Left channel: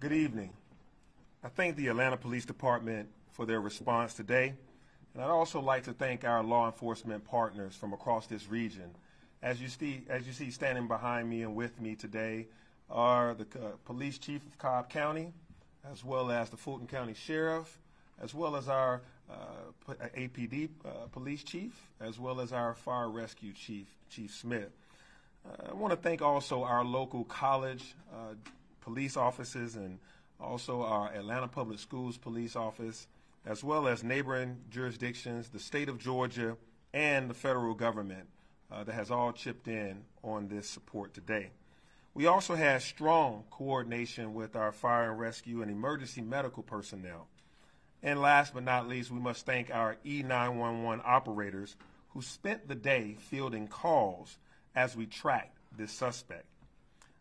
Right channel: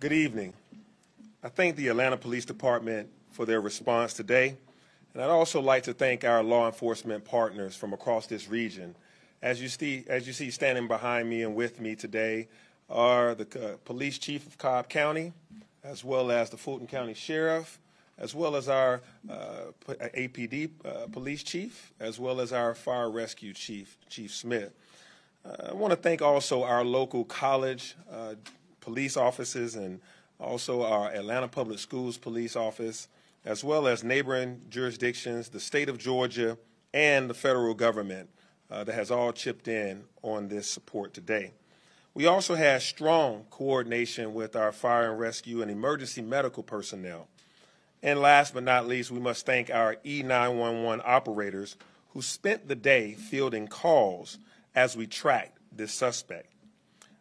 Good evening. I thank the Atlanta Police Department for their response today, and I'd also like to thank our law enforcement partners from across this region. As you see standing behind me and with me today are the police chief of Cobb County, as well as the Fulton County Sheriff, as well as our APD police chief, as well as our fire rescue chief, Chief Smith. I want to thank also our local college police offices and also our Atlanta Public Schools Police Office, as well as neighboring jurisdictions, the state of Georgia, and the federal government that has all chipped in on this support today. We also had strong coordination with our fire and rescue and emergency medical personnel. And last but not least, we must thank our E911 operators who spent the day fielding calls as we tracked this suspect.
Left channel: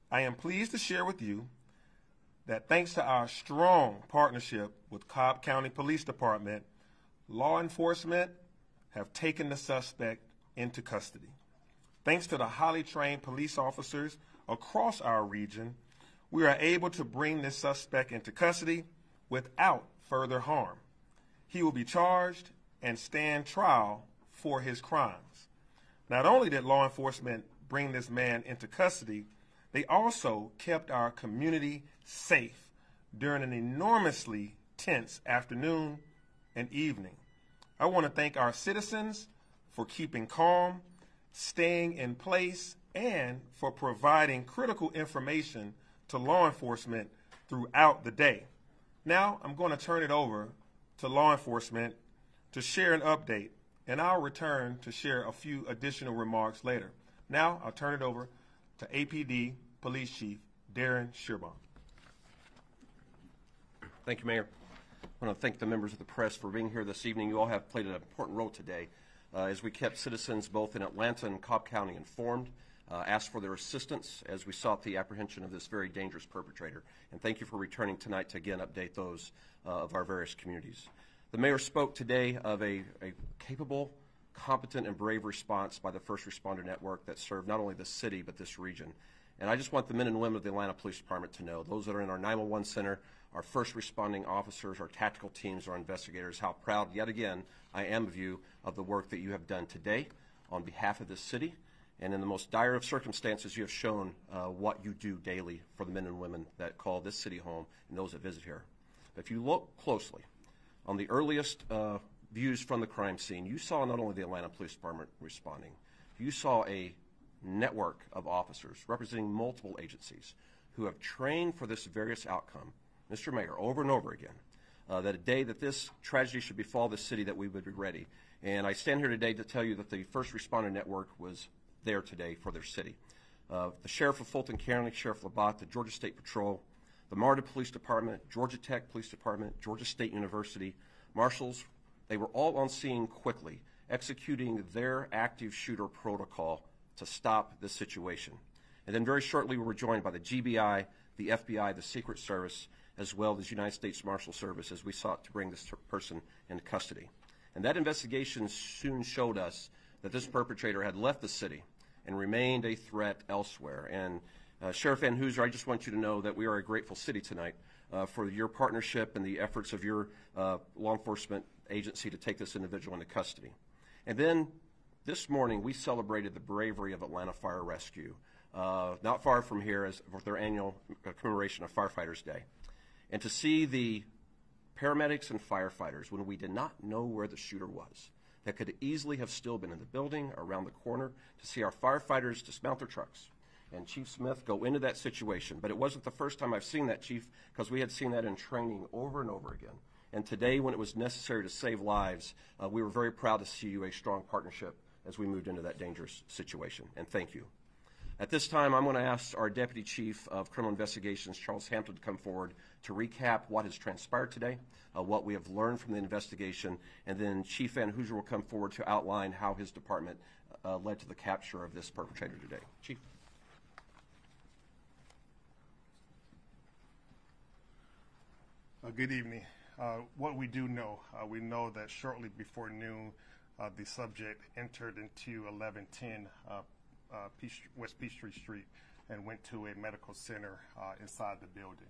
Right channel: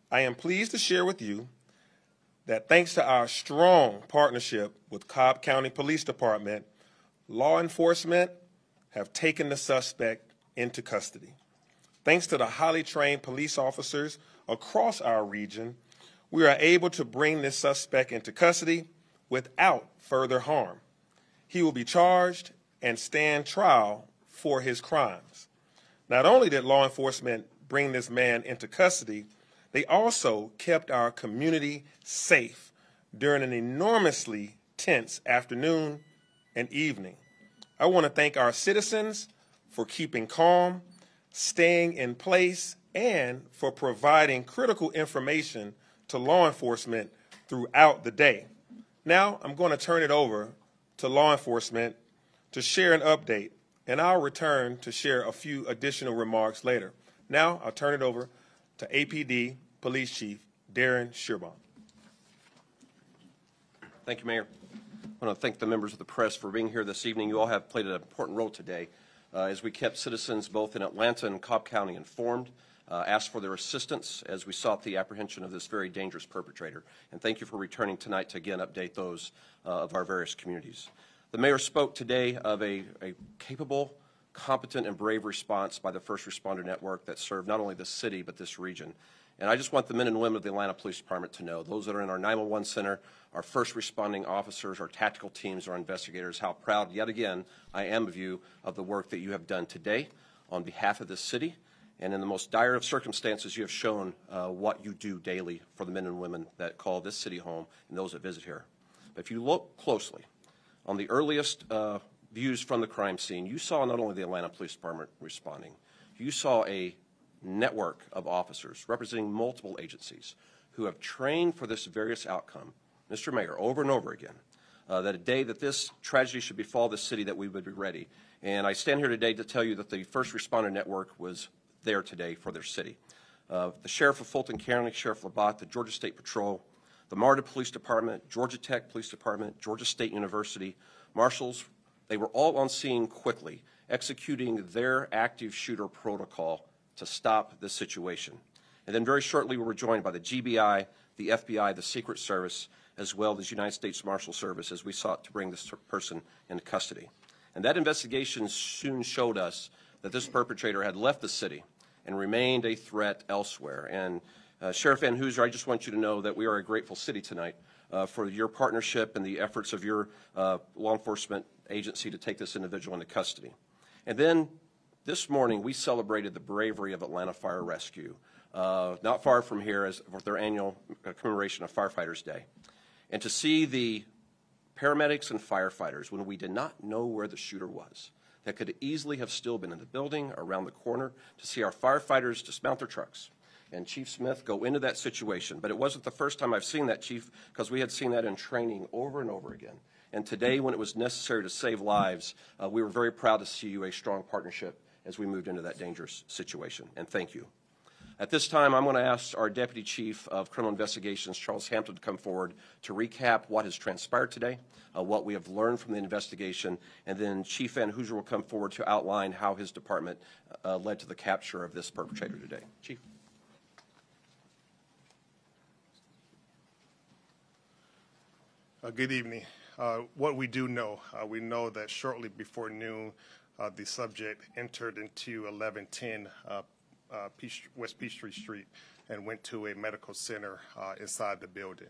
I am pleased to share with you that thanks to our strong partnership with Cobb County Police Department, law enforcement have taken the suspect into custody. Thanks to the highly trained police officers across our region, we are able to bring this suspect into custody without further harm. He will be charged and stand trial for his crimes. Not only did law enforcement bring this man into custody, they also kept our community safe during an enormously tense afternoon and evening. I want to thank our citizens for keeping calm, staying in place, and for providing critical information to law enforcement throughout the day. Now I'm going to turn it over to law enforcement to share an update, and I'll return to share a few additional remarks later. Now I'll turn it over to APD Police Chief Darren Shearbaum. Thank you, Mayor. I want to thank the members of the press for being here this evening. You all have played an important role today as we kept citizens both in Atlanta and Cobb County informed, asked for their assistance as we sought the apprehension of this very dangerous perpetrator. And thank you for returning tonight to again update those of our various communities. The mayor spoke today of a capable, competent, and brave response by the first responder network that served not only this city but this region. And I just want the men and women of the Atlanta Police Department to know, those that are in our 911 center, our first responding officers, our tactical teams, our investigators, how proud yet again I am of you of the work that you have done today on behalf of this city. And in the most dire of circumstances, you have shown what you do daily for the men and women that call this city home and those that visit here. But if you look closely on the earliest views from the crime scene, you saw not only the Atlanta Police Department responding, you saw a network of officers representing multiple agencies who have trained for this various outcome, Mr. Mayor, over and over again, that a day that this tragedy should befall the city that we would be ready. And I stand here today to tell you that the first responder network was there today for their city. The Sheriff of Fulton County, Sheriff Labatt, the Georgia State Patrol, the MARTA Police Department, Georgia Tech Police Department, Georgia State University, marshals, they were all on scene quickly, executing their active shooter protocol to stop this situation. And then very shortly we were joined by the GBI, the FBI, the Secret Service, as well as United States Marshal Service as we sought to bring this person into custody. And that investigation soon showed us that this perpetrator had left the city and remained a threat elsewhere. And Sheriff Van Hooser, I just want you to know that we are a grateful city tonight for your partnership and the efforts of your law enforcement agency to take this individual into custody. And then this morning we celebrated the bravery of Atlanta Fire Rescue, not far from here as for their annual commemoration of Firefighters Day. And to see the paramedics and firefighters, when we did not know where the shooter was, that could easily have still been in the building, around the corner, to see our firefighters dismount their trucks and Chief Smith go into that situation. But it wasn't the first time I've seen that, Chief, because we had seen that in training over and over again. And today, when it was necessary to save lives, we were very proud to see you a strong partnership as we moved into that dangerous situation. And thank you. At this time, I'm going to ask our Deputy Chief of Criminal Investigations, Charles Hampton, to come forward to recap what has transpired today, what we have learned from the investigation, and then Chief Van Hooser will come forward to outline how his department led to the capture of this perpetrator today. Chief. Good evening. What we do know, we know that shortly before noon, the subject entered into 1110 West Peachtree Street and went to a medical center inside the building.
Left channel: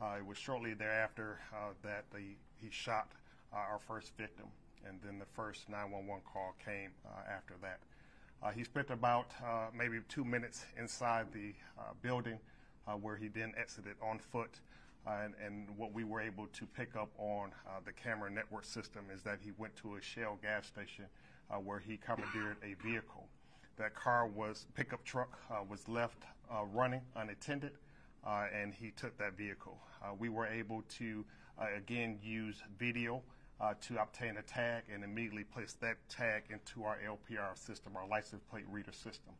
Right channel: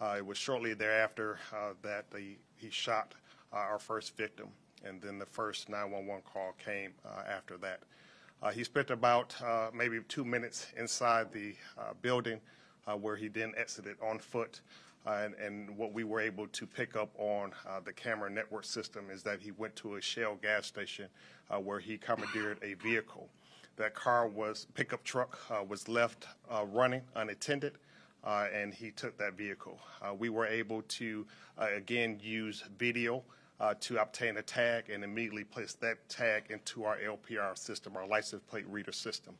It was shortly thereafter that he shot our first victim, and then the first 911 call came after that. He spent about maybe 2 minutes inside the building where he then exited on foot. And what we were able to pick up on the camera network system is that he went to a Shell gas station where he commandeered a vehicle. That pickup truck was left running unattended, and he took that vehicle. We were able to, again, use video to obtain a tag and immediately place that tag into our LPR system, our license plate reader system.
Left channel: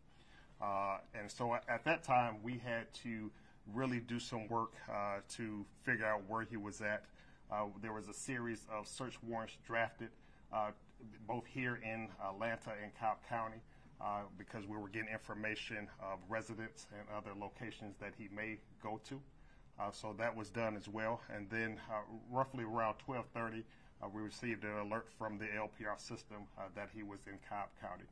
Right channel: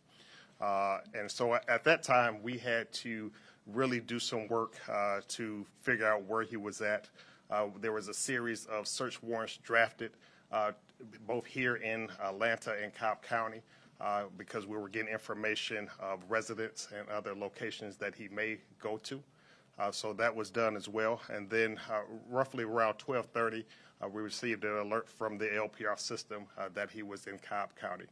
And so at that time, we had to really do some work to figure out where he was at. There was a series of search warrants drafted both here in Atlanta and Cobb County because we were getting information of residents and other locations that he may go to. So that was done as well. And then roughly around 12:30, we received an alert from the LPR system that he was in Cobb County.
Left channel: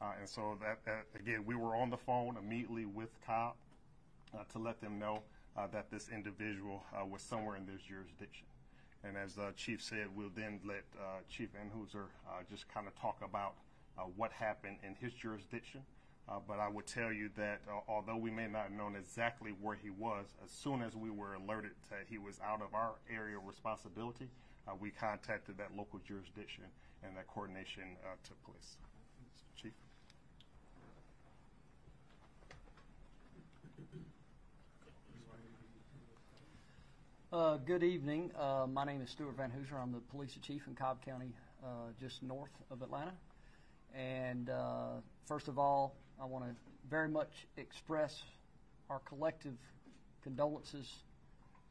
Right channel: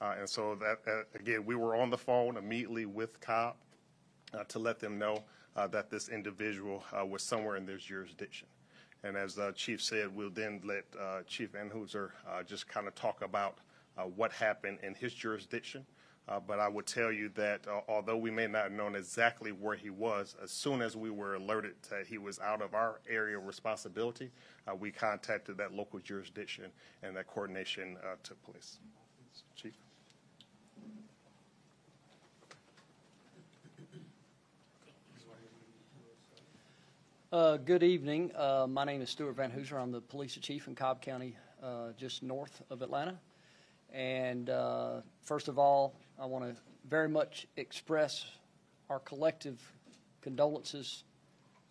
And so that, again, we were on the phone immediately with Cobb to let them know that this individual was somewhere in their jurisdiction. And as the Chief said, we'll then let Chief Anheuser just kind of talk about what happened in his jurisdiction. But I would tell you that although we may not have known exactly where he was, as soon as we were alerted that he was out of our area of responsibility, we contacted that local jurisdiction, and that coordination took place. Chief. Good evening. My name is Stuart Van Hooser. I'm the police chief in Cobb County, just north of Atlanta. And first of all, I want to very much express our collective condolences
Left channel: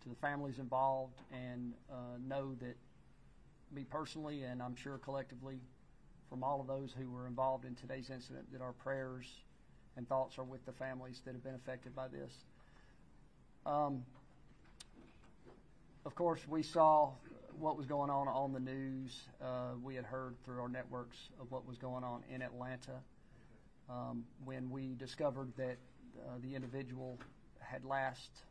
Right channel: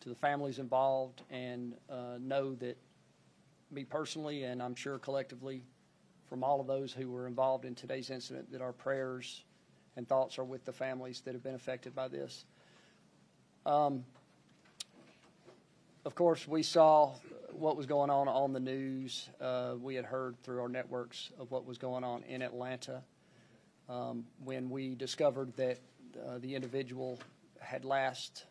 to the families involved, and know that me personally, and I'm sure collectively from all of those who were involved in today's incident, that our prayers and thoughts are with the families that have been affected by this. Of course, we saw what was going on the news. We had heard through our networks of what was going on in Atlanta. When we discovered that the individual had last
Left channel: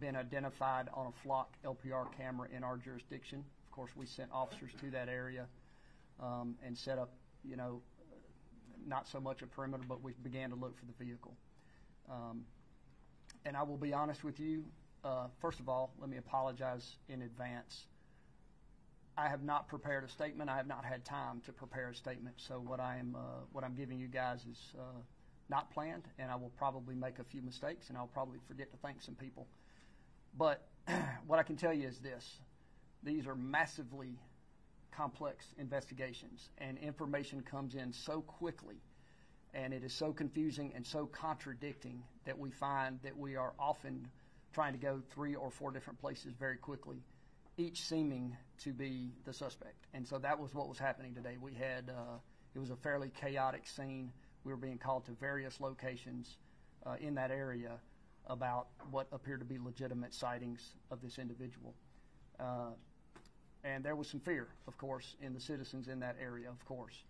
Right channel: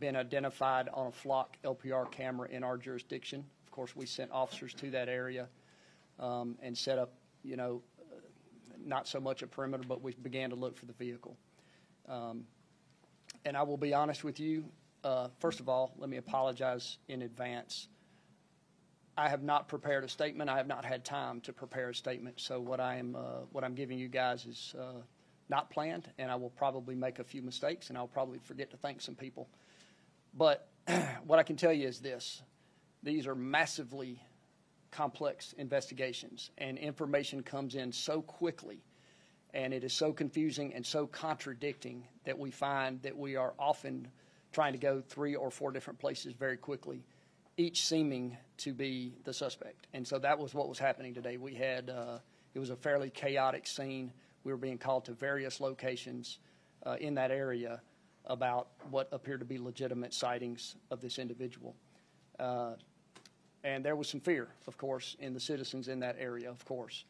been identified on a flock LPR camera in our jurisdiction, of course, we sent officers to that area and set up, not so much a perimeter, but we began to look for the vehicle. And I will be honest with you. First of all, let me apologize in advance. I have not prepared a statement. I have not had time to prepare a statement. So what I'm giving you guys is not planned, and I will probably make a few mistakes, and I'll probably forget to thank some people. But what I can tell you is this: these are massively complex investigations, and information comes in so quickly, and it is so confusing and so contradicting that we find that we are often trying to go 3 or 4 different places very quickly, each seeming to be the suspect. And so that was what was happening today. We had, it was a fairly chaotic scene. We were being called to various locations in that area about what appeared to be legitimate sightings of this individual. And there was some fear, of course, in the citizens in that area, of course.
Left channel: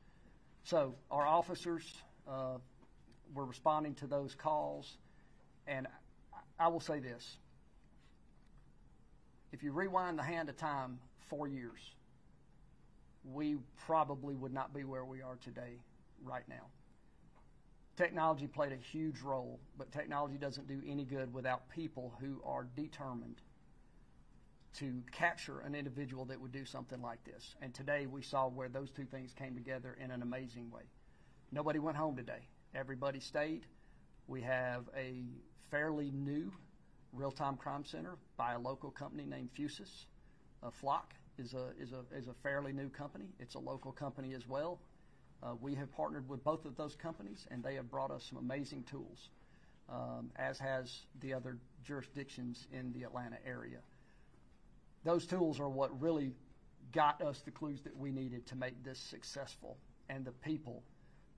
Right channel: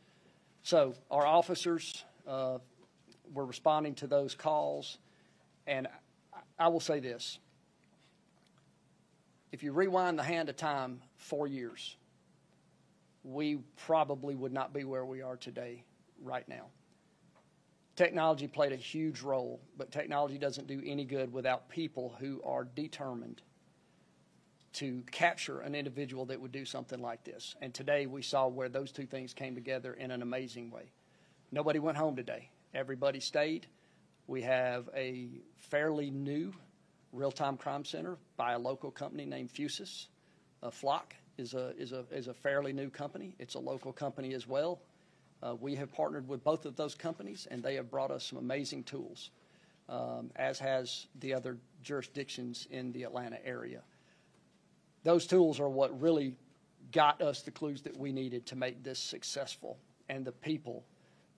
So our officers were responding to those calls, and I will say this: if you rewind the hand of time 4 years, we probably would not be where we are today right now. Technology played a huge role, but technology doesn't do any good without people who are determined to capture an individual that would do something like this. And today we saw where those two things came together in an amazing way. Nobody went home today. Everybody stayed. We have a fairly new real-time crime center by a local company named Fusus. Flock is a fairly new company. It's a local company as well. We have partnered with both of those companies, and they have brought us some amazing tools, as has the other jurisdictions in the Atlanta area. Those tools are what really got us the clues that we needed to make this successful, and the people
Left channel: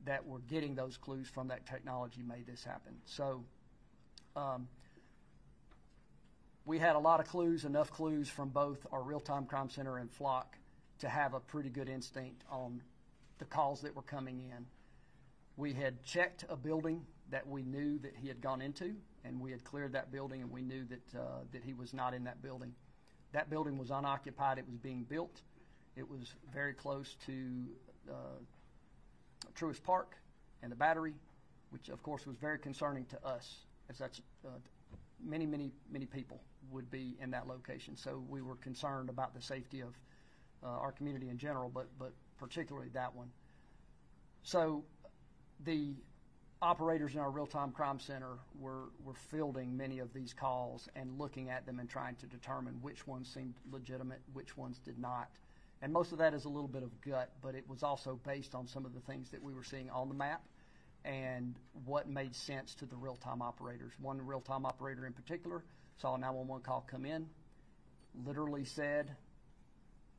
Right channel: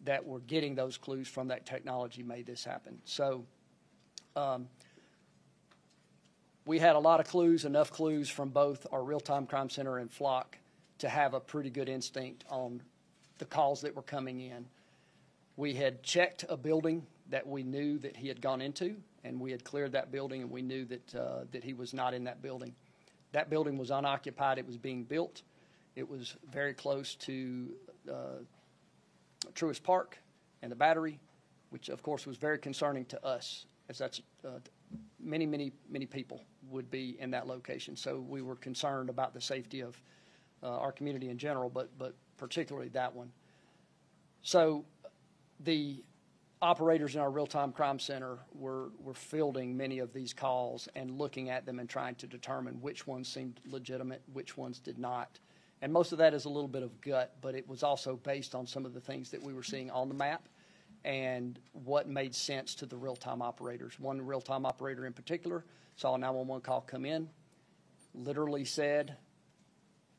that were getting those clues from that technology made this happen. So we had a lot of clues, enough clues from both our real-time crime center and Flock to have a pretty good instinct on the calls that were coming in. We had checked a building that we knew that he had gone into, and we had cleared that building, and we knew that he was not in that building. That building was unoccupied. It was being built. It was very close to Truist Park and the Battery, which of course was very concerning to us, as that's many people would be in that location. So we were concerned about the safety of our community in general, but particularly that one. So the operators in our real-time crime center were fielding many of these calls and looking at them and trying to determine which ones seemed legitimate, which ones did not. And most of that is a little bit of gut, but it was also based on some of the things that we were seeing on the map and what made sense to the real-time operators. One real-time operator in particular saw a 911 call come in, literally said,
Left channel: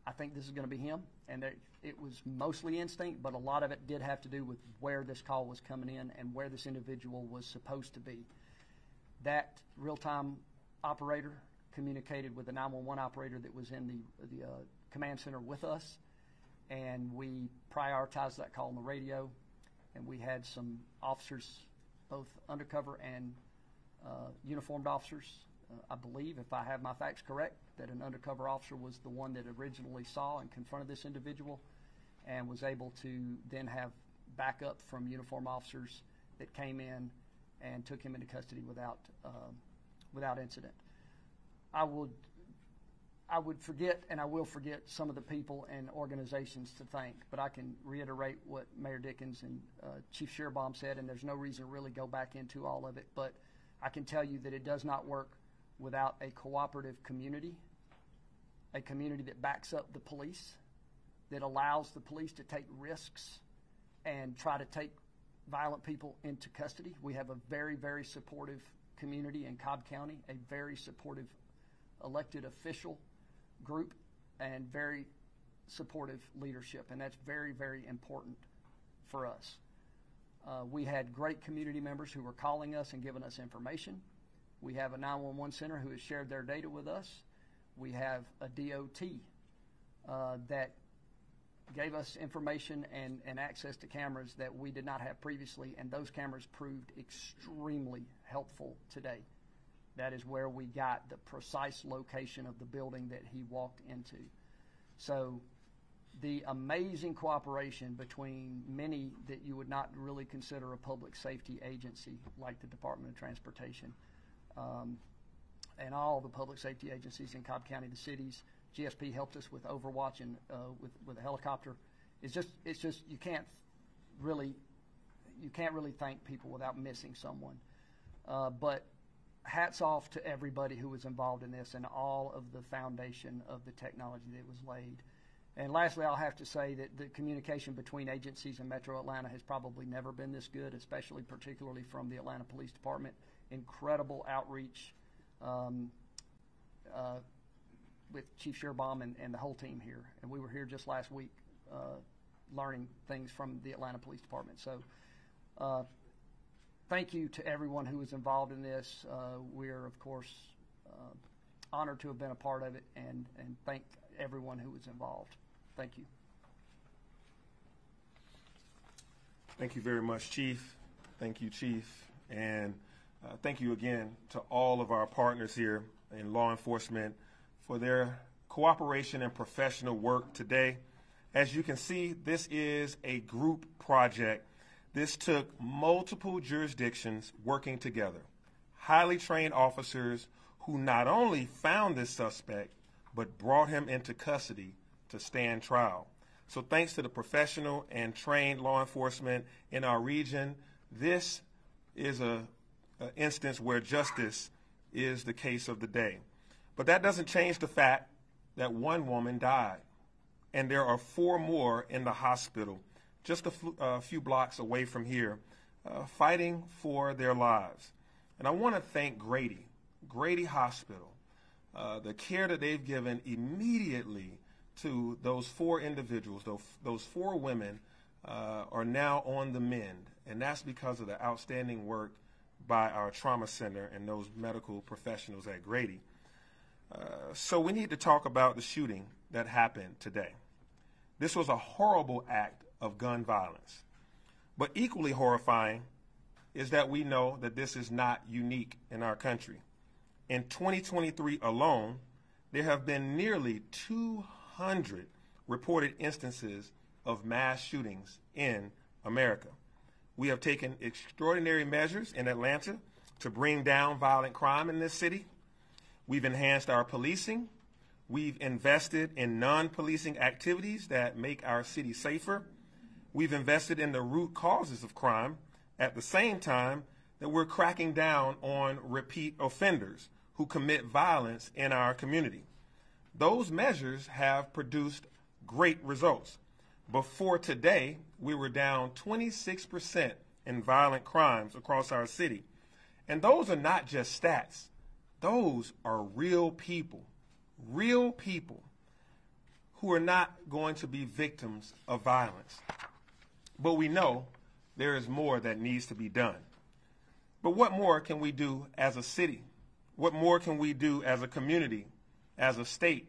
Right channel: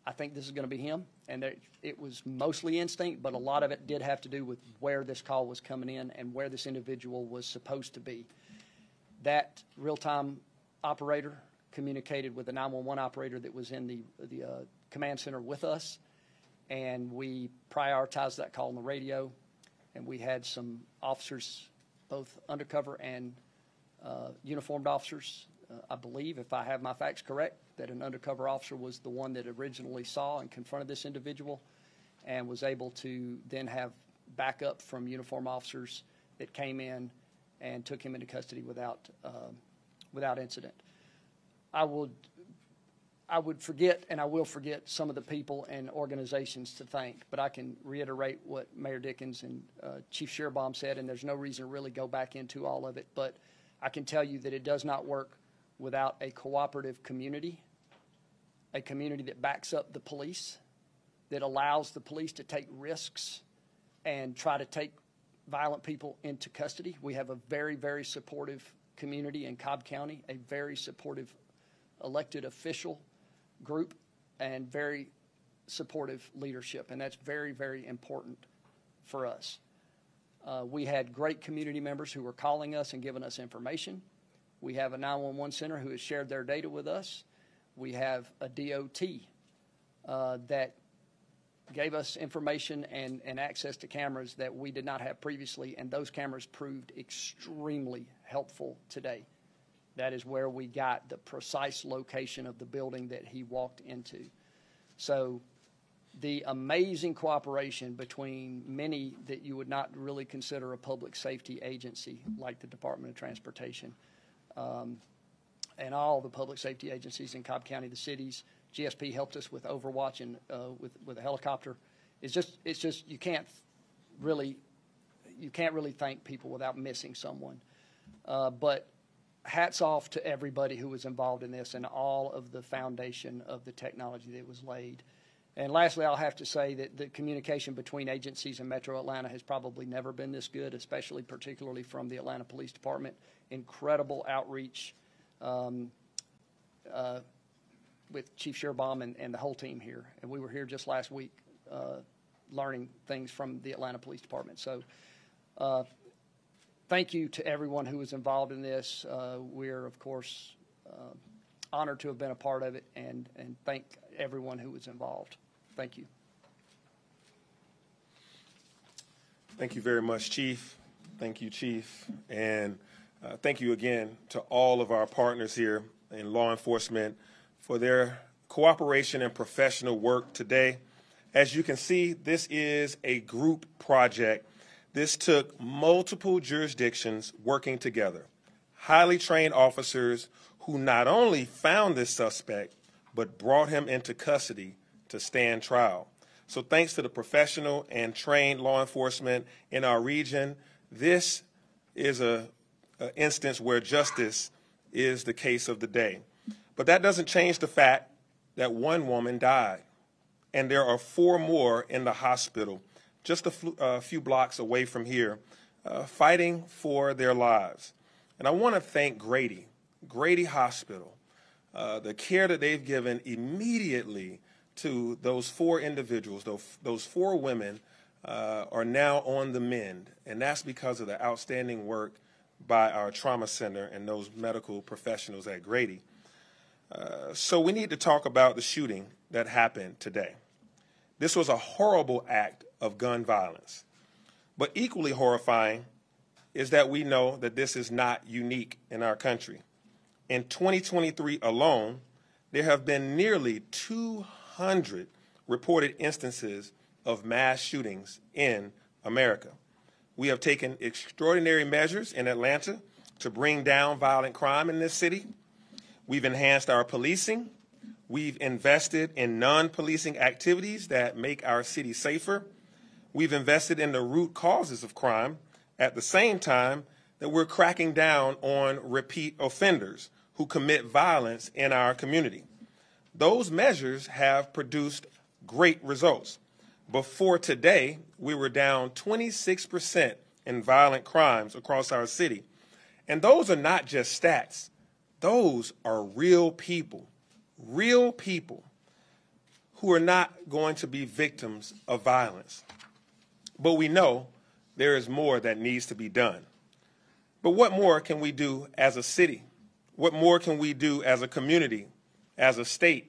I think this is going to be him. And it was mostly instinct, but a lot of it did have to do with where this call was coming in and where this individual was supposed to be. That real-time operator communicated with the 911 operator that was in the command center with us, and we prioritized that call on the radio, and we had some officers, both undercover and uniformed officers. I believe, if I have my facts correct, that an undercover officer was the one that originally saw and confronted this individual and was able to then have backup from uniformed officers that came in and took him into custody without incident. I would forget, and I will forget, some of the people and organizations to thank, but I can reiterate what Mayor Dickens and Chief Shearbaum said, and there's no reason to really go back into all of it, but I can tell you that it does not work without a cooperative community, a community that backs up the police, that allows the police to take risks and try to take violent people into custody. We have a very, very supportive community in Cobb County, a very supportive elected official group, and very supportive leadership, and that's very, very important for us. We had great community members who were calling us and giving us information. We have a 911 center who has shared their data with us. We have a DOT that gave us information and access to cameras that we did not have previously, and those cameras proved extremely helpful today. That is where we got the precise location of the building that he walked into. So the amazing cooperation between many that you would not really consider a public safety agency, like the Department of Transportation, and all the public safety agencies in Cobb County, the cities. GSP helped us with Overwatch and with a helicopter. It's just you can't really thank people without missing someone. But hats off to everybody who was involved in this and all of the foundation of the technology that was laid. And lastly, I'll have to say that the communication between agencies in Metro Atlanta has probably never been this good, particularly from the Atlanta Police Department. Incredible outreach with Chief Shearbaum and the whole team here. And we were here just last week learning things from the Atlanta Police Department. So thank you to everyone who was involved in this. We're, of course, honored to have been a part of it, and thank everyone who was involved. Thank you. Thank you very much, Chief. Thank you, Chief. And thank you again to all of our partners here in law enforcement for their cooperation and professional work today. As you can see, this is a group project. This took multiple jurisdictions working together, highly trained officers who not only found this suspect, but brought him into custody to stand trial. So thanks to the professional and trained law enforcement in our region, this is an instance where justice is the case of the day. But that doesn't change the fact that one woman died, and there are 4 more in the hospital just a few blocks away from here, fighting for their lives. And I want to thank Grady Hospital, the care that they've given immediately to those 4 individuals. Those 4 women are now on the mend, and that's because of the outstanding work by our trauma center and those medical professionals at Grady. So we need to talk about the shooting that happened today. This was a horrible act of gun violence, but equally horrifying is that we know that this is not unique in our country. In 2023 alone, there have been nearly 200 reported instances of mass shootings in America. We have taken extraordinary measures in Atlanta to bring down violent crime in this city. We've enhanced our policing. We've invested in non-policing activities that make our city safer. We've invested in the root causes of crime at the same time that we're cracking down on repeat offenders who commit violence in our community. Those measures have produced great results. Before today, we were down 26% in violent crimes across our city. And those are not just stats. Those are real people who are not going to be victims of violence. But we know there is more that needs to be done. But what more can we do as a city? What more can we do as a community, as a state,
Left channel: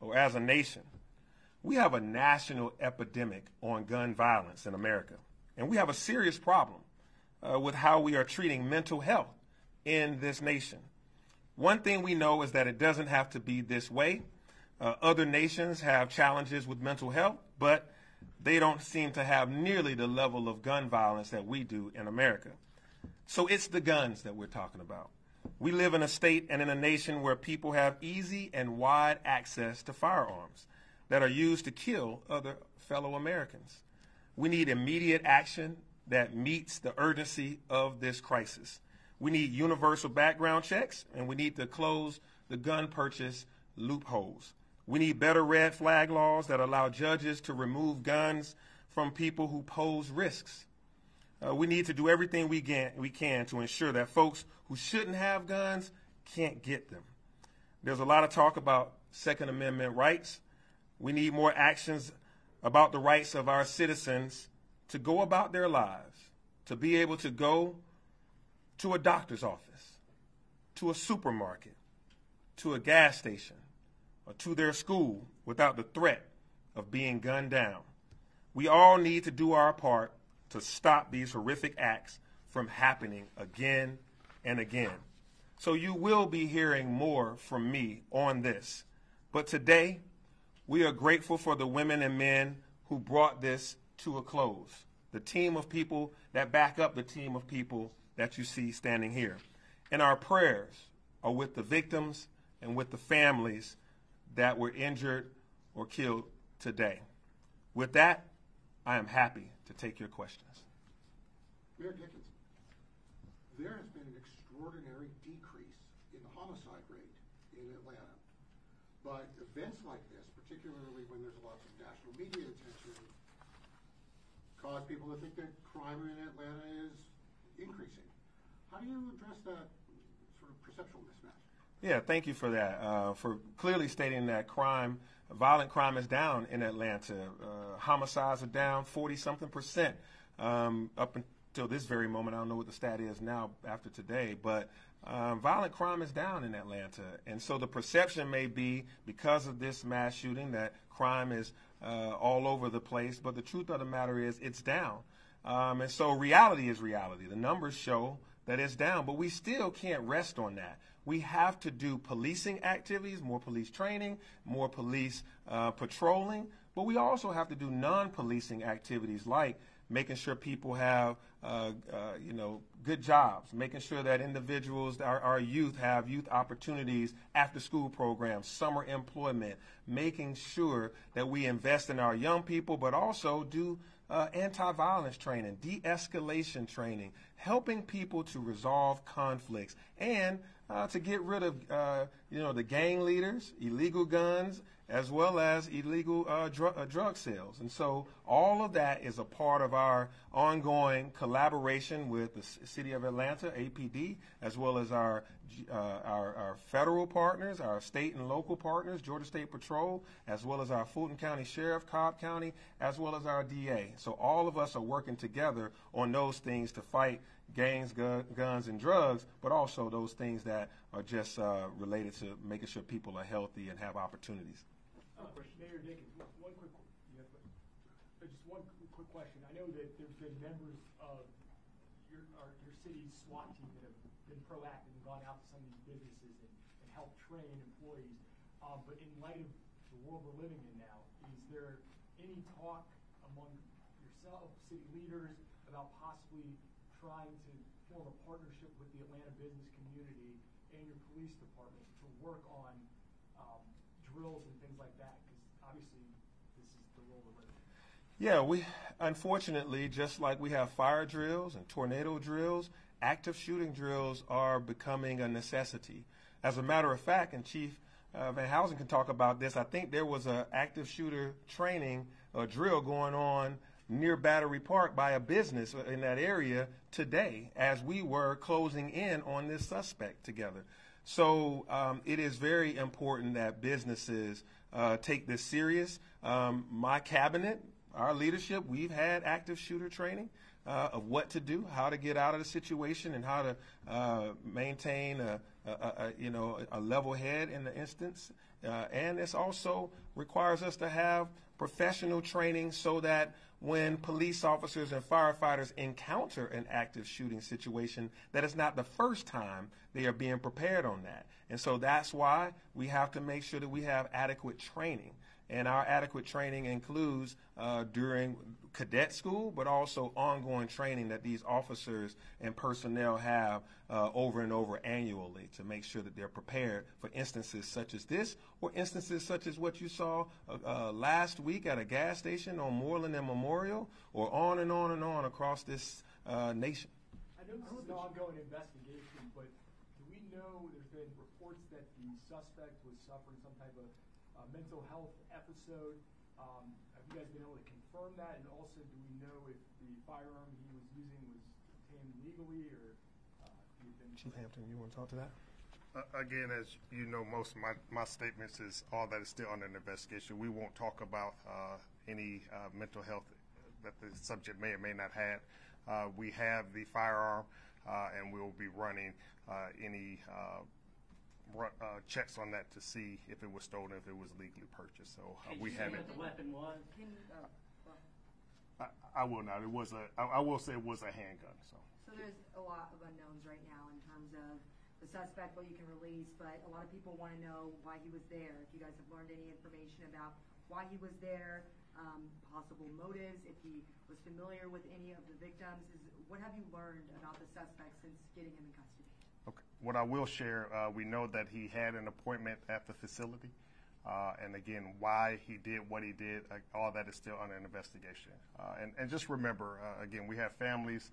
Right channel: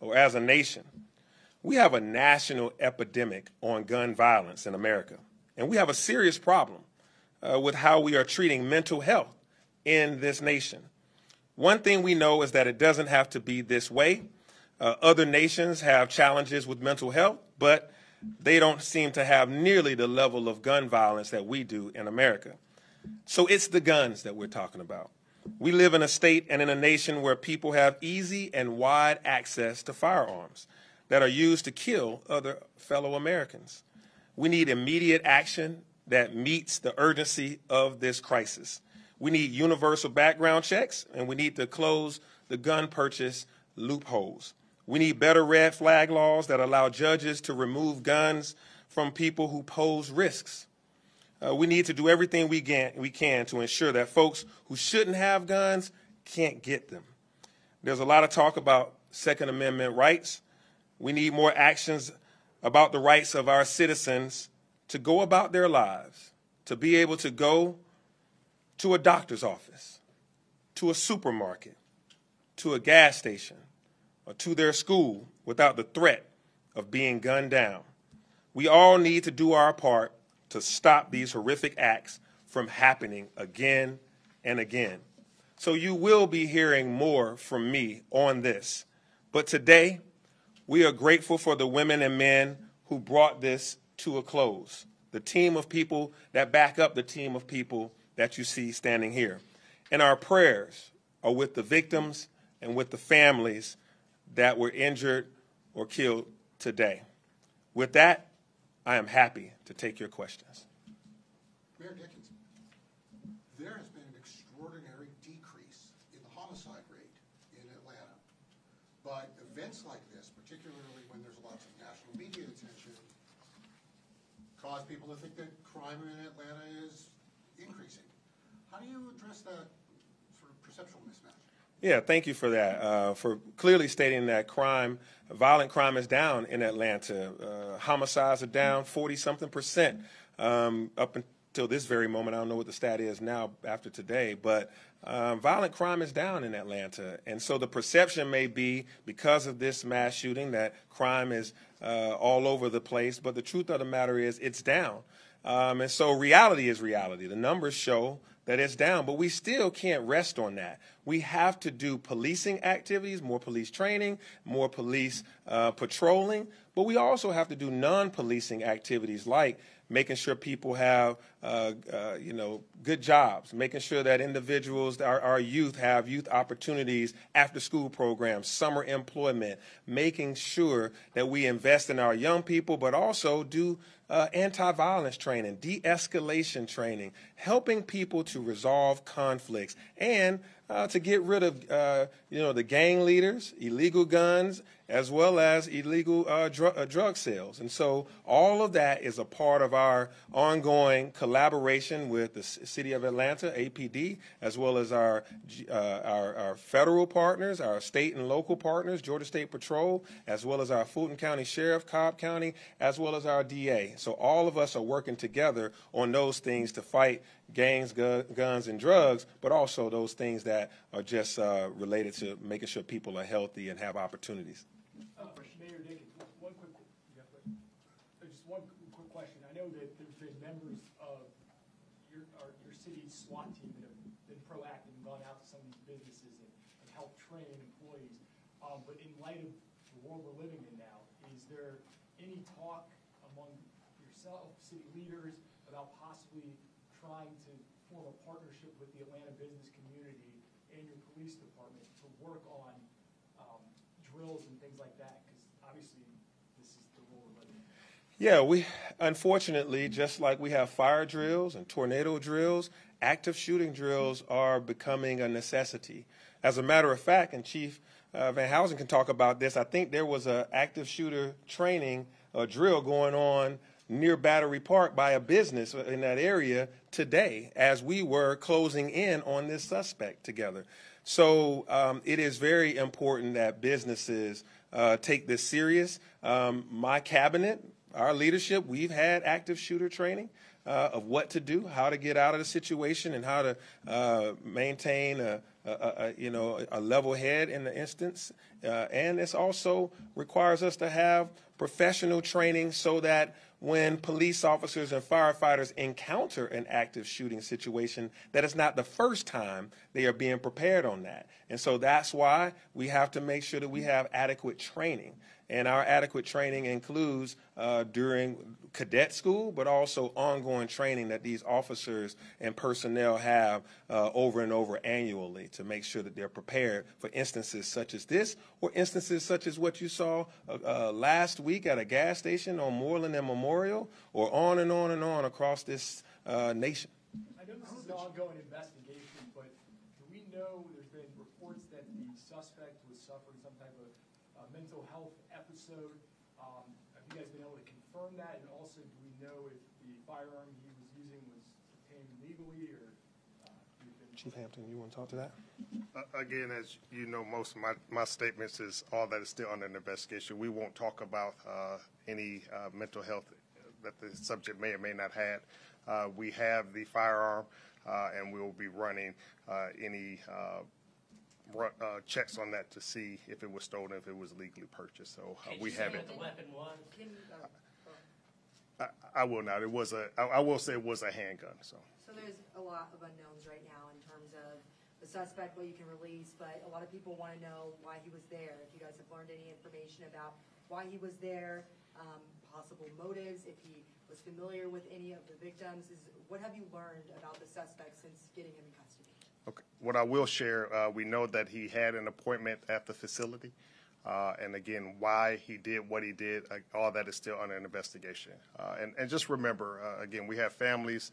or as a nation? We have a national epidemic on gun violence in America, and we have a serious problem with how we are treating mental health in this nation. One thing we know is that it doesn't have to be this way. Other nations have challenges with mental health, but they don't seem to have nearly the level of gun violence that we do in America. So it's the guns that we're talking about. We live in a state and in a nation where people have easy and wide access to firearms that are used to kill other fellow Americans. We need immediate action that meets the urgency of this crisis. We need universal background checks, and we need to close the gun purchase loopholes. We need better red flag laws that allow judges to remove guns from people who pose risks. We need to do everything we can to ensure that folks who shouldn't have guns can't get them. There's a lot of talk about Second Amendment rights. We need more actions about the rights of our citizens to go about their lives, to be able to go to a doctor's office, to a supermarket, to a gas station, or to their school without the threat of being gunned down. We all need to do our part to stop these horrific acts from happening again and again. So you will be hearing more from me on this. But today, we are grateful for the women and men who brought this to a close, the team of people that back up the team of people that you see standing here. And our prayers are with the victims and with the families that were injured or killed today. With that, I am happy to take your questions. Mayor Dickens, there has been an extraordinary decrease in the homicide rate in Atlanta. But events like this, particularly when there's lots of national media attention, cause people to think that crime in Atlanta is increasing. How do you address that sort of perceptual mismatch? Yeah, thank you for that, for clearly stating that violent crime is down in Atlanta. Homicides are down 40-something% up until this very moment. I don't know what the stat is now after today, but violent crime is down in Atlanta. And so the perception may be, because of this mass shooting, that crime is all over the place. But the truth of the matter is it's down. And so reality is reality. The numbers show that it's down, but we still can't rest on that. We have to do policing activities, more police training, more police patrolling, but we also have to do non-policing activities like making sure people have good jobs, making sure that individuals, our youth, have youth opportunities, after-school programs, summer employment, making sure that we invest in our young people, but also do anti-violence training, de-escalation training, helping people to resolve conflicts, and to get rid of the gang leaders, illegal guns, as well as illegal drug sales. And so all of that is a part of our ongoing collaboration with the City of Atlanta, APD, as well as our federal partners, our state and local partners, Georgia State Patrol, as well as our Fulton County Sheriff, Cobb County, as well as our DA. So all of us are working together on those things to fight gangs, guns, and drugs, but also those things that are just related to making sure people are healthy and have opportunities. Mayor Dickens, just one quick question. I know that there's been members of your city SWAT team that have been proactive and gone out to some of these businesses and helped train employees. But in light of the world we're living in now, is there any talk among yourself, city leaders, about possibly trying to form a partnership with the Atlanta business community and your police department to work on drills and things like that? Because obviously this is the world we're living in. Yeah, we unfortunately, just like we have fire drills and tornado drills, active shooting drills are becoming a necessity. As a matter of fact, and Chief Van Housen can talk about this, I think there was an active shooter training drill going on near Battery Park by a business in that area today as we were closing in on this suspect together. So it is very important that businesses take this serious. My cabinet, our leadership, we've had active shooter training of what to do, how to get out of the situation, and how to maintain a level head in the instance. And this also requires us to have professional training so that when police officers and firefighters encounter an active shooting situation, that it's not the first time they are being prepared on that. And so that's why we have to make sure that we have adequate training. And our adequate training includes during cadet school, but also ongoing training that these officers and personnel have over and over annually to make sure that they're prepared for instances such as this or instances such as what you saw last week at a gas station on Moreland and Memorial, or on and on and on across this nation. I know this is an ongoing investigation, but do we know there's been reports that the suspect was suffering some type of mental health episode? Have you guys been able to confirm that? And also, do we know if the firearm he was using was obtained legally, or Chief Hampton, you want to talk to that? Again, as you know, most of my statements is all that is still under an investigation. We won't talk about any mental health that the subject may or may not have. We have the firearm, and we will be running any checks on that to see if it was stolen, if it was legally purchased. So we have it. What the weapon was? I will not. It was I will say it was a handgun. So there's a lot of unknowns right now in terms of the suspect, what you can release, but a lot of people want to know why he was there. If you guys have learned any information about why he was there, possible motives, if he was familiar with any of the victims, what have you learned about the suspect since getting him in custody? okay. What I will share, we know that he had an appointment at the facility. And again, why he did what he did, all that is still under an investigation. And just remember, again, we have families.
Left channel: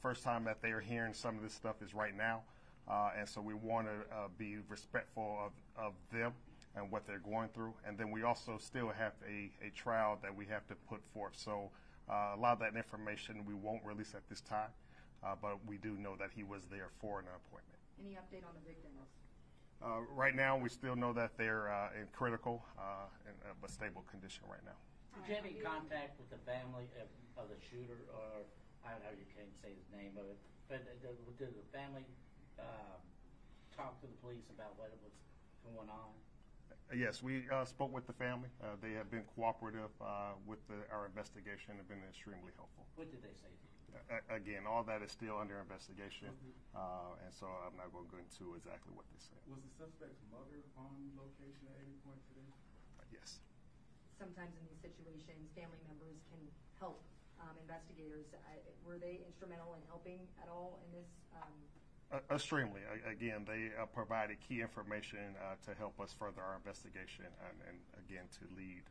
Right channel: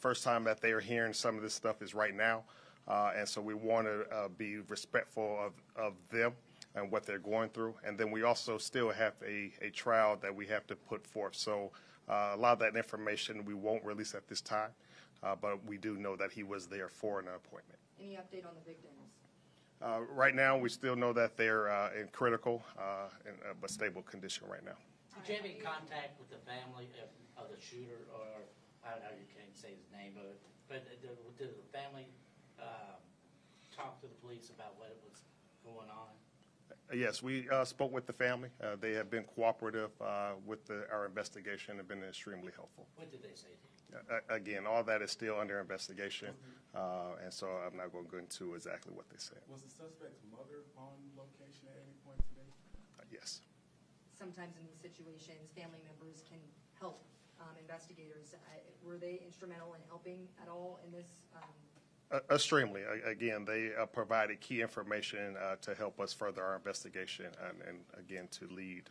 First time that they are hearing some of this stuff is right now. And so we want to be respectful of them and what they're going through. And then we also still have a trial that we have to put forth. So a lot of that information we won't release at this time. But we do know that he was there for an appointment. Any update on the victims? Right now, we still know that they're in critical but stable condition right now. Did you have any contact with the family of the shooter, or you can't say his name, but did the family talk to the police about what was going on? Yes, we spoke with the family. They have been cooperative with our investigation and been extremely helpful. What did they say to you? Again, all that is still under investigation, and so I'm not going to go into exactly what they said. Was the suspect's mother on location at any point today? Yes. Sometimes in these situations, family members can help investigators. Were they instrumental in helping at all in this? Extremely. Again, they provided key information to help us further our investigation and again, to lead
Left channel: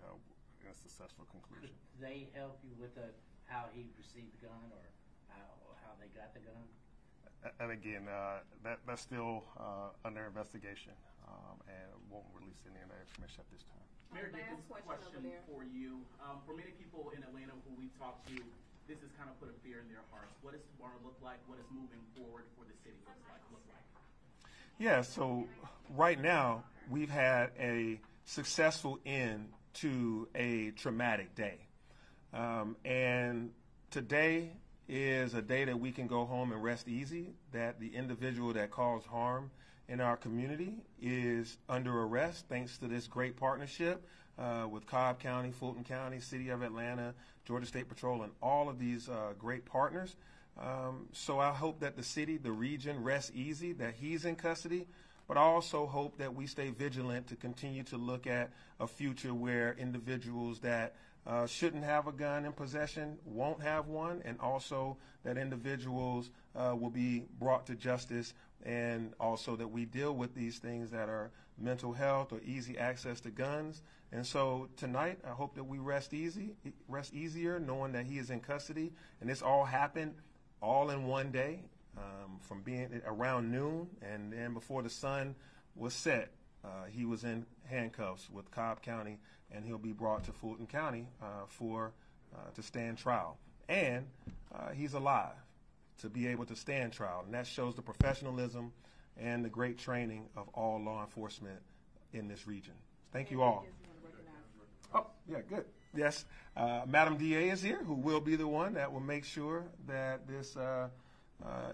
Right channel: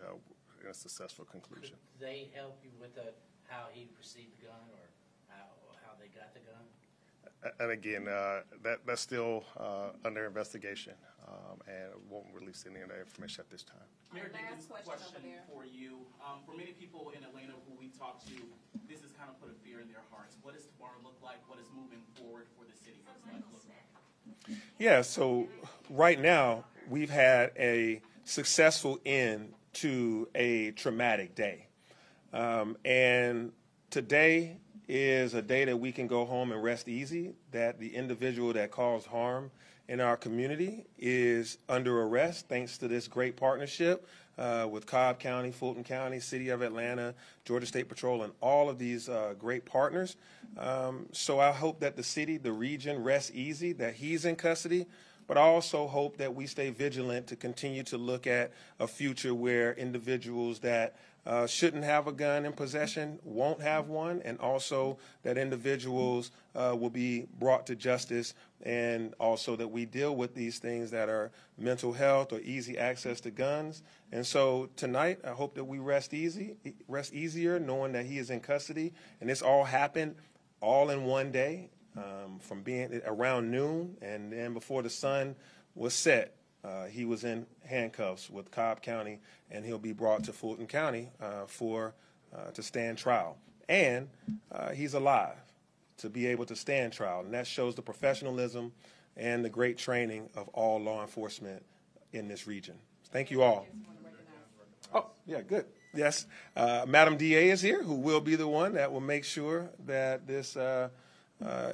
in a successful conclusion. Could they help you with how he received the gun, or how they got the gun? And again, that's still under investigation, and won't release any of that information at this time. Mayor Dickens, question for you. For many people in Atlanta who we talk to, this has kind of put a fear in their hearts. What does tomorrow look like? What is moving forward for the city? What does life look like? Yeah, so right now we've had a successful end to a traumatic day. And today is a day that we can go home and rest easy, that the individual that caused harm in our community is under arrest thanks to this great partnership with Cobb County, Fulton County, City of Atlanta, Georgia State Patrol, and all of these great partners. So I hope that the city, the region, rests easy that he's in custody, but I also hope that we stay vigilant to continue to look at a future where individuals that shouldn't have a gun in possession won't have one, and also that individuals will be brought to justice, and also that we deal with these things that are mental health or easy access to guns. And so tonight, I hope that we rest easier knowing that he is in custody, and this all happened all in one day, from being around noon, and then before the sun was set, he was in handcuffs with Cobb County, and he'll be brought to Fulton County to stand trial. And he's alive to be able to stand trial, and that shows the professionalism and the great training of all law enforcement in this region. Thank you all. Oh, yeah, good. Yes, Madam DA is here, who will be the one that will make sure that this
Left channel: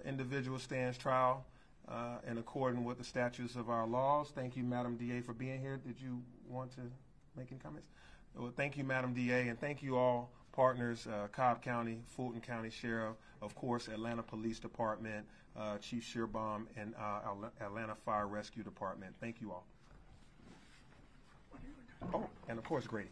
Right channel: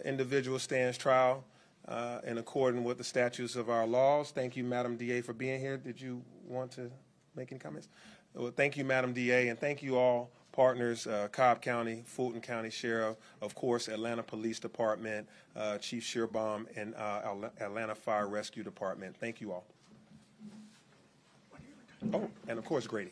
individual stands trial in accordance with the statutes of our laws. Thank you, Madam DA, for being here. Did you want to make any comments? Well, thank you, Madam DA, and thank you all partners, Cobb County, Fulton County Sheriff, of course, Atlanta Police Department, Chief Shearbaum, and Atlanta Fire Rescue Department. Thank you all. Oh, and of course, Grady.